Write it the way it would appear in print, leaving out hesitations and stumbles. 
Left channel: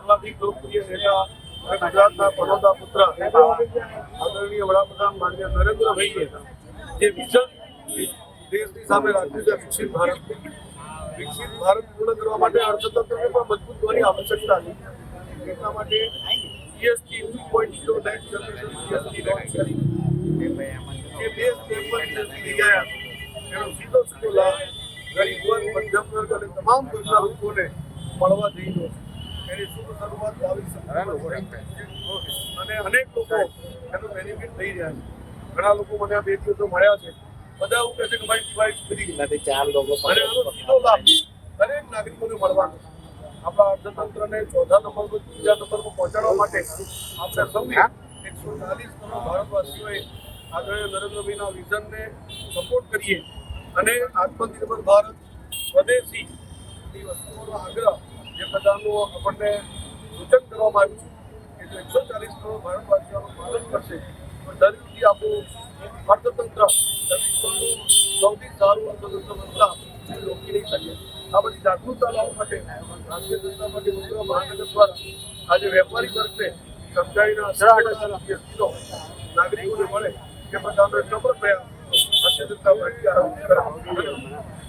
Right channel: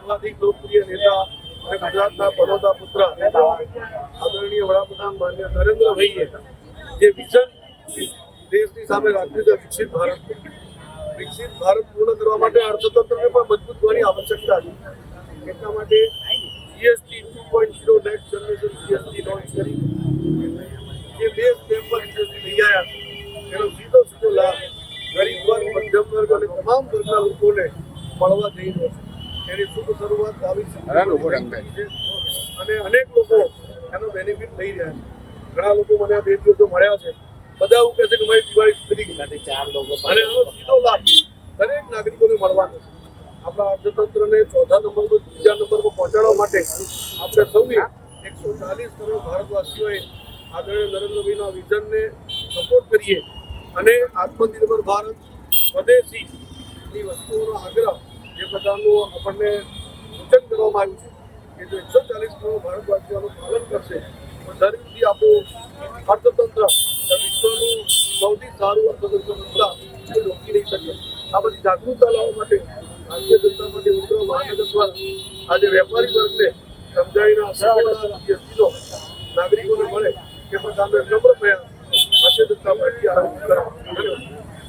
સર્વાધિક લોકપ્રિય નેતા અને ગુજરાતના પનોતા પુત્ર આદરણીય વડાપ્રધાન માન્ય નરેન્દ્રભાઈએ જે વિઝન દેશની સામે રાખ્યું છે વિકસિત ભારત પૂર્ણ કરવા માટે અર્થતંત્રને પણ મજબૂત કરવાની આવશ્યકતા છે. એટલા માટે GST 2.0 next generation GST launch કરીને જે બે સ્ટેપ પર જીએસટી લઈ આવ્યા એનો સીધો લાભ ગરીબ વર્ગ, મધ્યમ વર્ગ અને તમામ વર્ગના લોકોને મળવા જઈ રહ્યો છે. એની શુભ શરૂઆત 22 છે અને અનેક લોકો એનો બેનિફિટ લઈ રહ્યા છે. ઘણા લોકો મને આ 2 દિવસો મળ્યા છે. બધા એવું કહે છે કે મારી દિવાળી સુધરી ગઈ અને આનો સીધો લાભ દરેક નાગરિકોને મળવાનો છે. આપણા અર્થતંત્રને ચોથા નંબર પર, ત્રીજા નંબર પર પહોંચાડવા માટે આપણે સૌએ 140 કરોડ ભારતવાસીઓએ આદરણીય નરેન્દ્રભાઈના વિઝનને સપોર્ટ કરીએ અને આત્મનિર્ભર ભારત, સ્વદેશીની વસ્તુઓનો આગ્રહ જે પ્રકારનું આપણને સૂચન કરવામાં આવ્યું છે કે જો 140 કરોડ ભારતવાસીઓનું પાલન કરશે તો જરૂરથી આપણું અર્થતંત્ર વિશ્વનું સૌથી સારું અર્થતંત્ર બનતા કોઈ રોકી નહીં શકે. આ બધી જાગૃતતા લાવવા માટે ભારતીય જનતા પાર્ટી વડોદરા મહાનગર દ્વારા આજે વેપારી વર્ગને સમજાવીને જીએસટીનો નાગરિકોને મળે એ પ્રકારનો નમ્ર પ્રયાસ ભારતીય જનતા પાર્ટી આરંભ કરે. ધન્યવાદ.